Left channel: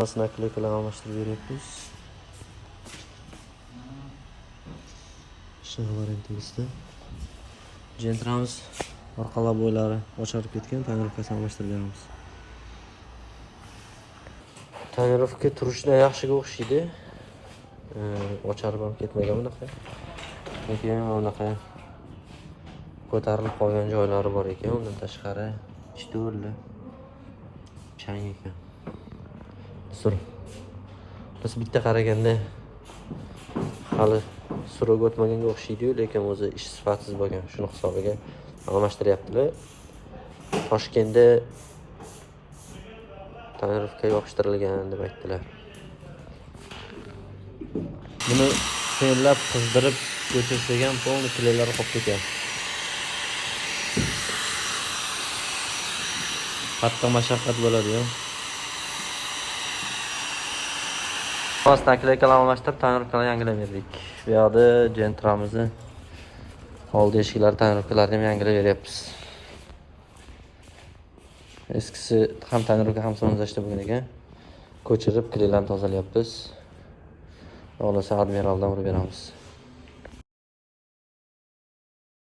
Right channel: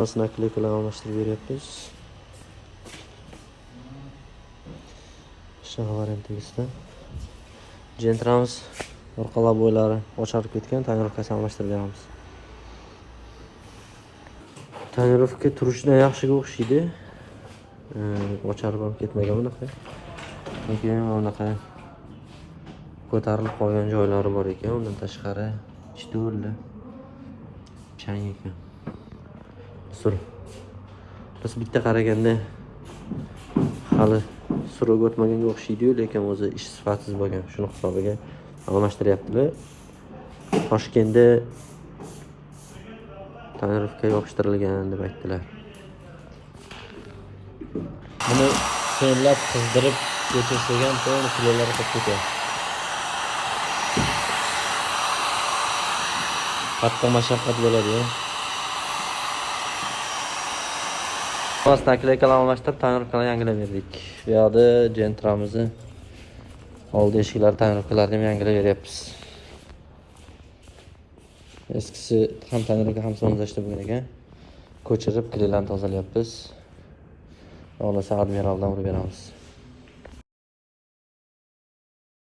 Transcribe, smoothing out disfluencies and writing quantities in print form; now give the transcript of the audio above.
Nakleykalar almashtirib beryapmiz. Shag'arintimizda Gentrans orqalab bo'ylari ocharib ketgan, tonirovkasi almashtirganmiz. Tonirovka turishida yaxshiga o'xshaydi. Ocharib ham ketmagan unaqa. Lekin unaqa ko'tarilib qolgan joylari bor ekan. Undan tashqari ishto'rli chang ekan. Biz bitta qaraganda hali surib o'tmaganga o'xshaydi-yu, lekin o'zi ish sifatsiz bo'lgan. Shuni hisobiga almashtiryaptilar. Toshkentda tonirovka yopishtirilgan deb aytdilar. Buni senlab qizdirib o'tirsak ham to'g'ri kilolari qolib ketadi. Qattiq mashaqqat bo'ladi-ya. Biz nakleykalar almashtirib, tonirovkalarni yangilab berdik. Bu yoqda Gentramizni oldi eshiklari tonirovkalarini yangilab beryapmiz. Eskisi ham tonirovka ham sonzashda bo'lgan ekan. Ko'chirib, kleylarni tozalayapmiz. Onasi admiraldan urib beramiz.